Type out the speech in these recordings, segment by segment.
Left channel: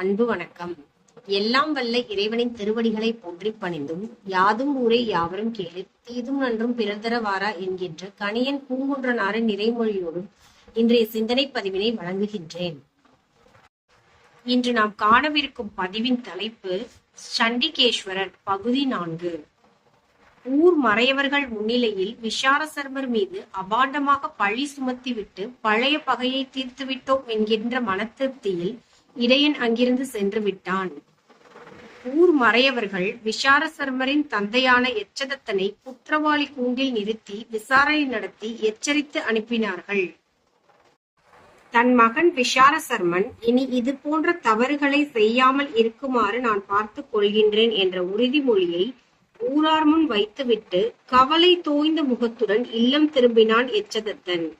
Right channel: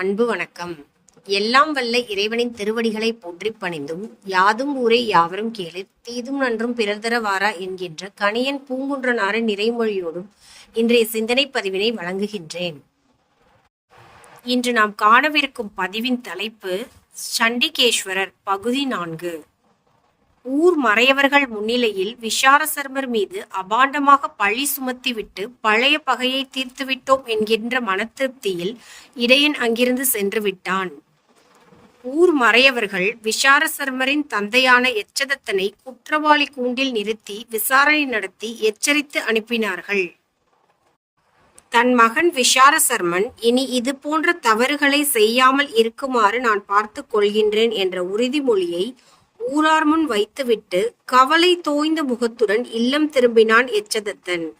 அன்பு வணக்கம். எல்லாம் வல்ல இறைவனின் திருவடிகளை போற்றி பணிந்தும் யாதும் ஊரே யாவரும் கேளிர் தீதும் நன்றும் பிறந்தரவாரா என்கின்ற கணியன் பூங்குன்றனார நிறைமொழியோடும் இன்றைய சிந்தனை பதிவினை வழங்குகின்றேன். இன்று நாம் காணவிருக்கும் பதிவின் தலைப்பு சண்டிகேஸ்வரர் பகுதி நான்கு. ஊர் மறையவர்கள் முன்னிலையில் விஷாரசர்மர் மீது அபாண்டமாக பழி சுமத்திவிட்டு பழைய பகையை தீர்த்துவிட்டோம் என்கின்ற மனத்திருப்தியில் இடையன் அங்கிருந்து சென்று விட்டான் ஊர் மறையவர்கள் விஷாரசர்மரின் தந்தையான எச்சதத்தனை குற்றவாளி கூண்டில் நிறுத்தி விசாரணை நடத்தி எச்சரித்து அனுப்பினார்கள். தன் மகன் விஷாரசர்மன் இனி இது போன்ற தவறுகளை செய்யாமல் இருக்குமாறு நான் பார்த்து கொள்கின்றேன் என்ற உறுதிமொழியை ஊரார் முன் வைத்துவிட்டு கவலை தோய்ந்த முகத்துடன் இல்லம் திரும்பினான் எச்சதத்தன்.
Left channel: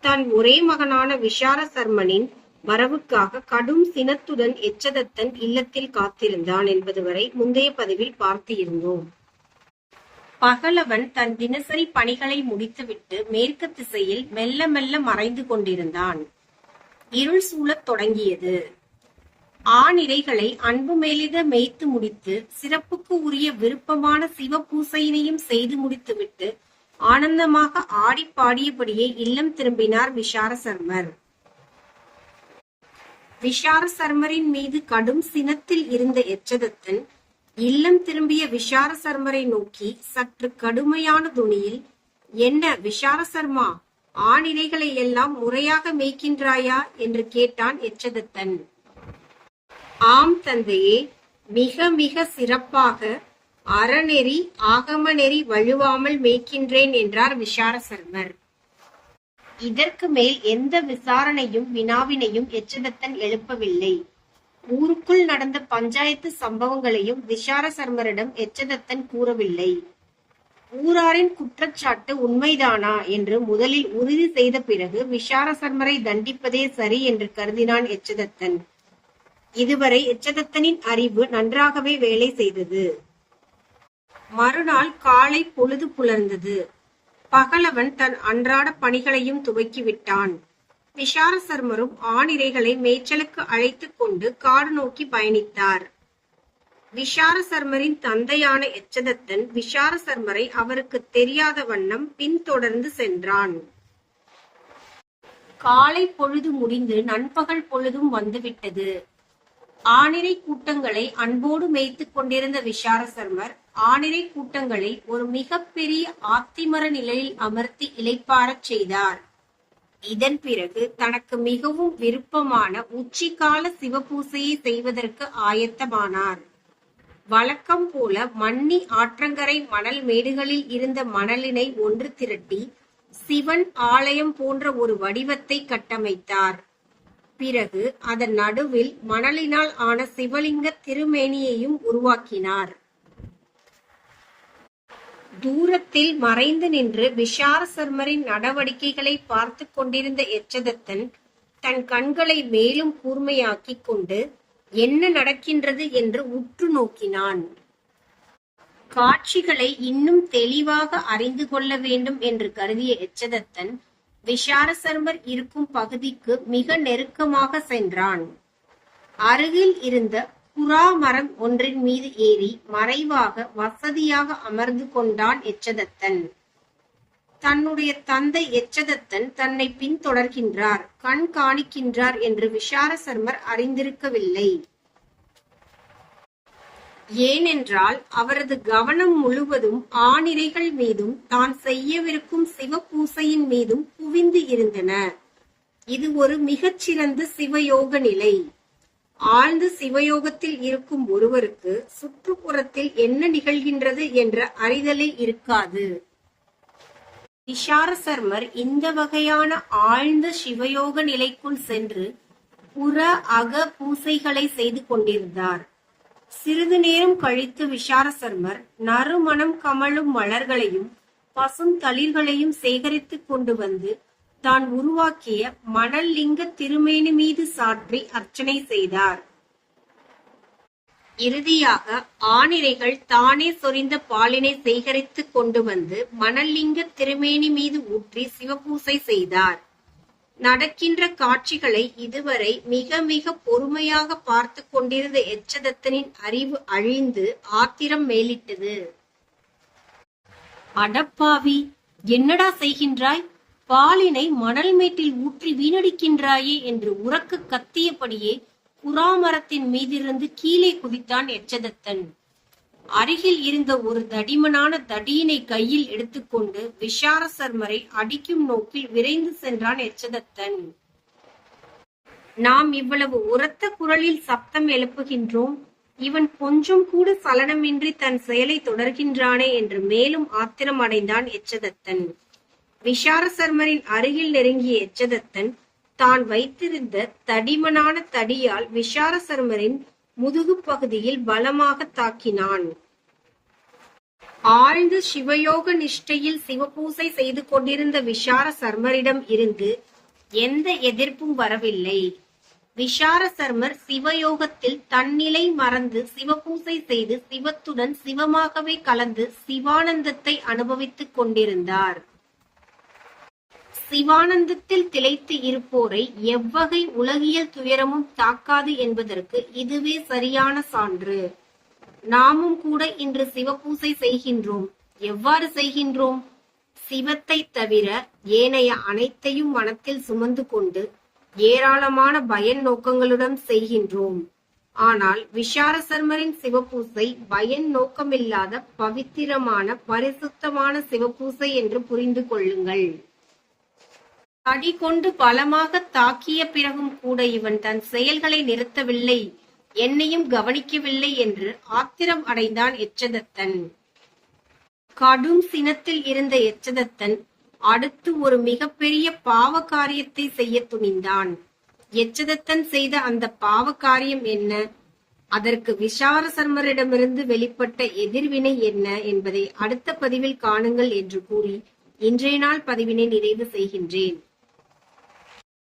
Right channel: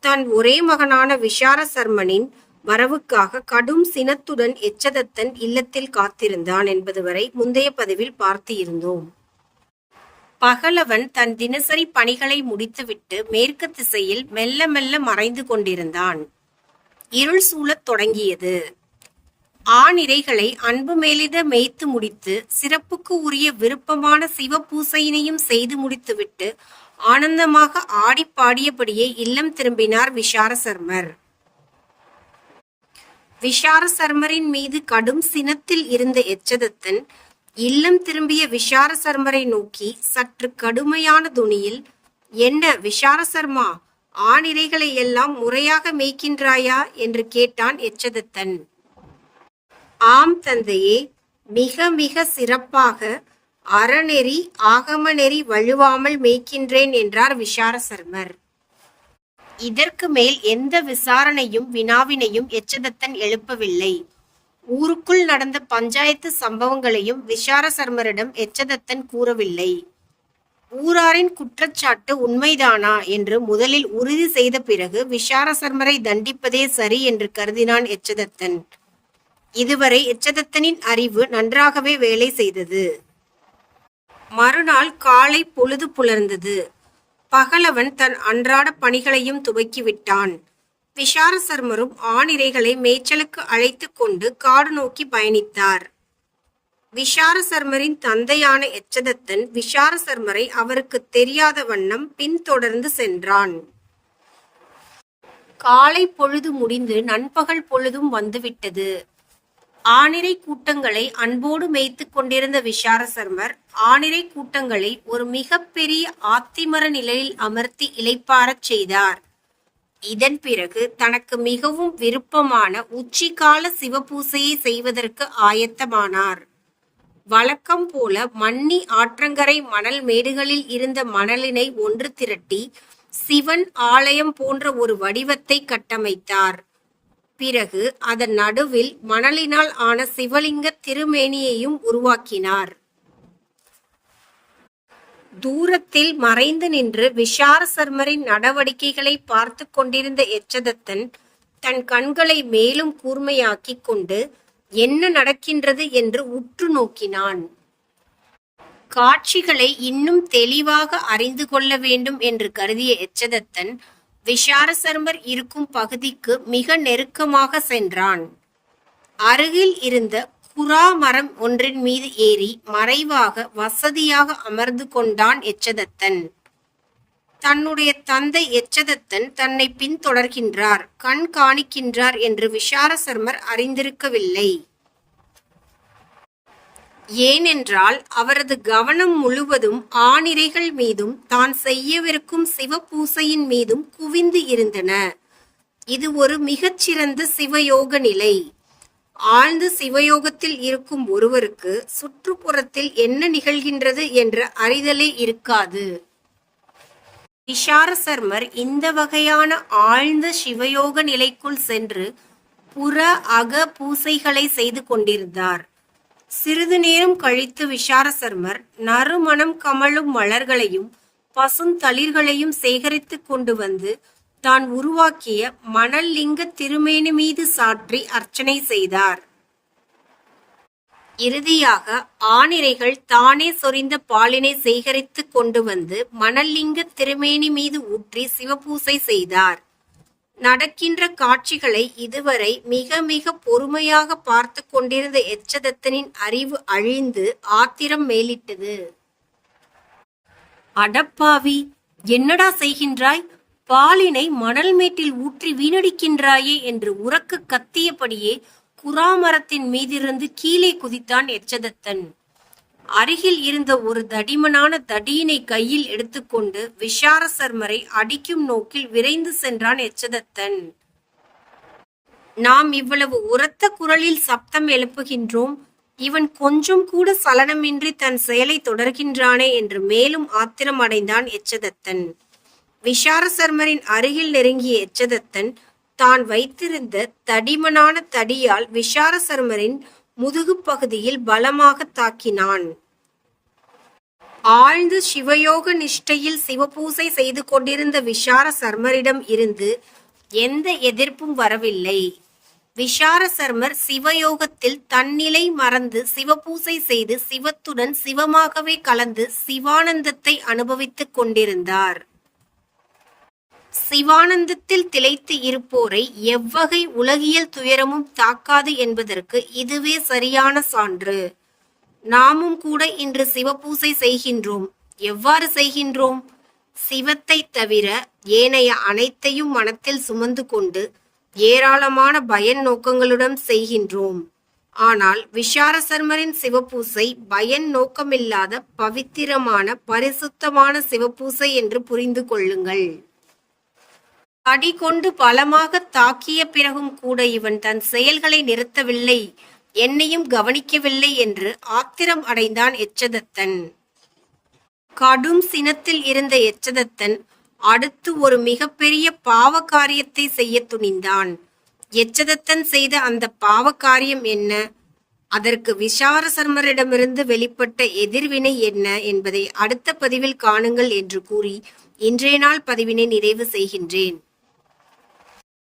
தன் ஒரே மகனான விஷாரசர்மனின் வரவுக்காக கடும் சினத்துடன் எச்சதத்தன் இல்லத்தில் காத்திருந்தான் என்பது வரை முந்தைய பதிவில் பார்த்து இருந்தோம் பகலவன் தன் தினசரி பணிகளை முடித்துவிட்டு மேற்கு திசையில் மெல்ல மெல்ல மறைந்து கொண்டிருந்தான். இருள் சூழத் தொடங்கியது. ஆணிரைகளை அன்பு மேலிட மேய்த்து முடித்து சிறப்புக்கு உரிய விருப்பமான சிவபூசையினையும் செய்து முடித்துவிட்டு ஆனந்தமாக ஆடி பாடியபடியே இல்லம் திரும்பினார் விஷாரசர்மர். விஷாரசர்மரின் மீது கடும் சினத்தில் இருந்த எச்சதத்தன் இல்லம் திரும்பிய விஷாரசர்மரை நோக்கி சற்று கடுமையான துணியில் என்ன விஷாரசர்மா ஆணிரைகளை எல்லாம் முறையாக மேய்க்கின்றாயா? என்று கேட்டான் எச்சதத்தன். ஆம் தந்தையே மிக மிக சிறப்பாக அறநெறி ஆகமநெறி வழுவாமல் மேய்க்கின்றேன் என்றார் விஷாரசர்மர். இதற்கு மேல் எந்த விசாரணையும் வினாவினையும் எச்சதத்தன் எழுப்பவில்லை. ஊருக்குள் நடந்த பஞ்சாயத்து சம்பவங்களையும் விஷாரசர்மரிடம் எச்சதத்தன் கூறவில்லை. ஊராரின் குற்றச்சாட்டு உண்மைதானா என்று முதலில் உறுதி செய்த பிறகு விஷாரசர்மரை தண்டிப்பதே சரி என்று கருதினான் எச்சதத்தன். இதுவரை எச்சதத்தனின் அறிவு நன்றாகவே வேலை செய்தது. மறுநாள் காலை பொழுது புலர்ந்தது. பகலவன் தன் அன்றாட பணிகளையும் துவக்கிவிட்டான் விஷாரசர்மரும் ஆணிரைகளை மேய்ச்சலுக்கு அழைத்து கொண்டு காடு நோக்கி பயணித்தார். விஷாரசர்மரின் தந்தையான எச்சதத்தன் விஷாரசர்மரை அவருக்கு தெரியாத வண்ணம் பின்தொடர்ந்து சென்றான். காலை பொழுது முடிந்து நண்பகல் பொழுதும் வந்துவிட்டது. ஆணிரை கூட்டங்களை அன்போடு மேய்த்துக் கொண்டிருந்த விசாரசர்மர் ஆணிரை கூட்டங்களை ஒரு மிகப்பெரிய ஆத்திமர நிலையில் அமர்த்தி இலைப்பாரச் செய்தார். இதன் பிறகு தனக்கு மிகவும் விருப்பமான உச்சிகால சிவபூசையை செய்வதற்கு ஆயத்தமானார். வழக்கம் போல மன்னி ஆற்றங்கரை மணல் மேடுகளில் இருந்த மணலினை ஒன்று திரட்டி சிவன் ஆலயம் போன்ற ஒரு வடிவத்தை கட்டமைத்தார். பிறகு அதன் நடுவில் மணலினால் ஆன சிவலிங்க திருமேனியையும் உருவாக்கினார். தூரத்தில் மறைந்து நின்று விஷாரசர்மரின் நடவடிக்கைகளை பார்த்து கொண்டிருந்த எச்சதத்தன் தன் கண்களை மேலும் கூர்மையாக்கிக் கொண்டு என்ன நடக்கின்றது? என்று உற்று நோக்கினான். காட்சிகளை இன்னும் தெளிவாக அறிந்து கொள்ள வேண்டும் என்று கருதிய எச்சதத்தன் விஷாரசர்மர் இருக்கும் பகுதிக்கு மிக நெருக்கமாக சென்றான். அருகில் இருந்த புறா மரம் ஒன்றின் மீது ஏறி மறைவாக வசதியாக அமர்ந்து கொண்டான் எச்சதத்தன். தன்னுடைய தந்தை எச்சதத்தன் தன்னை பின்தொடர்கின்றார் கண் காணிக்கின்றார் என்று விஷாரசர்மர் அறிந்திருக்கவில்லை. ஏனென்றால் அவரது கவனம் முழுவதும் ஆணிரைகள் மீதும் தான் செய்யவிருக்கும் சிவபூசையின் மீதும் குவிந்து இருந்தன. இது ஒரு மிகச்சிறந்த சிவயோக நிலை. ஆழ்ந்த சிவயோகத்தில் இருக்கும் ஒருவருக்கு சுற்றுப்புறத்தில் என்ன நிகழ்கின்றது என்ற அறிதலே இருக்காது. விஷாரசர்மர் இந்த வகையான ஆழ்ந்த சிவயோக நிலைக்குள் சென்று புற அக பூசைகளை செய்து கொண்டிருந்தார். சிறிது நேரம் கழித்து விஷாரசர்மர் நறுமணம் கமழும் மலர்களையும் பசுந்தளிர்களையும் சேகரித்து கொண்டு வந்து தான் உருவாக்கிய மணல் லிங்க திருமேனி மீது சாற்றி அர்ச்சனை செய்தார். இறுதியாக ஆணிரைகள் தானே சொரிந்த பாலினை சேகரித்து கொண்டு வந்து மணல்லிங்க திருமேனி மீது ஊற்றி சிவபூசை செய்தார். நடக்கின்ற காட்சிகளை இதுவரை மிக மிக பொறுமையாக பார்த்து கொண்டிருந்த எச்சதத்தனின் அறிவு அழிந்து ஆத்திரம் மேலிட்டது. அடப்பாவி என்னடா செய்கின்றாய்? பாலினை மணல் மேட்டில் ஊற்றி வீணடிக்கின்றாயே என்று உறக்க கத்தியபடியே குறாமரத்தின் மீதிருந்து கீழே குதித்தான் எச்சதத்தன். அருகில் இருந்த ஒரு தடிமனான தடியினை கையில் எடுத்துக்கொண்டு விஷார சர்மரை அடிக்கும் நோக்கில் விரைந்து சென்றான் எச்சதத்தன் நாம் இவ்வளவு உரத்த குரலில் சப்தம் எழுப்புகின்றோம். இவன் கொஞ்சம் கூட சலனமின்றி தன் செயலை தொடர்கின்றானே என்று மேலும் ஆத்திரம் அடைந்தான் எச்சதத்தன் விஷார சர்மரின் அருகில் நெருங்கிய எச்சதத்தன் தான் வைத்திருந்த தடிமனான தடியால் விஷார சர்மரின் முதுகு பகுதியில் பலமாக தாக்கினான். ஆழ்ந்து சிவயோக நிஷ்டையில் சிவபூசை செய்து கொண்டிருந்த விஷார சர்மரிடம் இருந்து எந்த எதிர்ப்பும் வரவில்லை. விஷார சர்மர் சிவயோகத்தில் தன்னிலை மறந்து சிவபூசை செய்து சிவத்துடன் சிவமாகவே கலந்து சிவானந்தத்தை அனுபவித்துக் கொண்டிருந்தார். சிவானந்தத்தில் திளைத்து இருப்போரை எவ்வகை உலகியல் துயரமும் தாக்காது என்பதற்கு இதுவே சரியான சான்று. நாமும் கூட இன்று சிவபூசை செய்கின்றோம். எவ்வாறு செய்கின்றோம்? சிவத்தை தவிர ஏனைய அனைத்தையும் மனத்தில் சுமந்து கொண்டு ஏராளமான பயன் நோக்கங்களுடன் செய்கின்றோம். ஆனால் விஷார சர்மரின் சிவபூசை பயன் நோக்கமில்லாத பவித்திரமான பரிசுத்தமான சிவபூசை என்று புரிந்து கொள்ளுங்கள். அடி கொண்டு பலமாக தாக்கிய பிறகும் கூட இவன் தன் செயல்களை நிறுத்தவில்லை. என்னையும் கவனிக்கவில்லை என்று ஆத்திரம் அடைந்தான் எச்சதத்தன். கடும் சினத்தில் இருந்த எச்சதத்தன் அடுத்து ஒரு மிகப்பெரிய பாவ காரியத்தை செய்ய துணிந்தான். எச்சதத்தன் செய்த அந்த பாவ காரியம் என்ன? அதற்கு விஷார சர்மரிடமிருந்து வெளிப்பட்ட எதிர்வினை என்ன என்பதை அடுத்த பதிவில் காணுங்கள் என்று கூறி இன்றைய நாள் பதிவினை நிறைவு செய்கின்றேன்.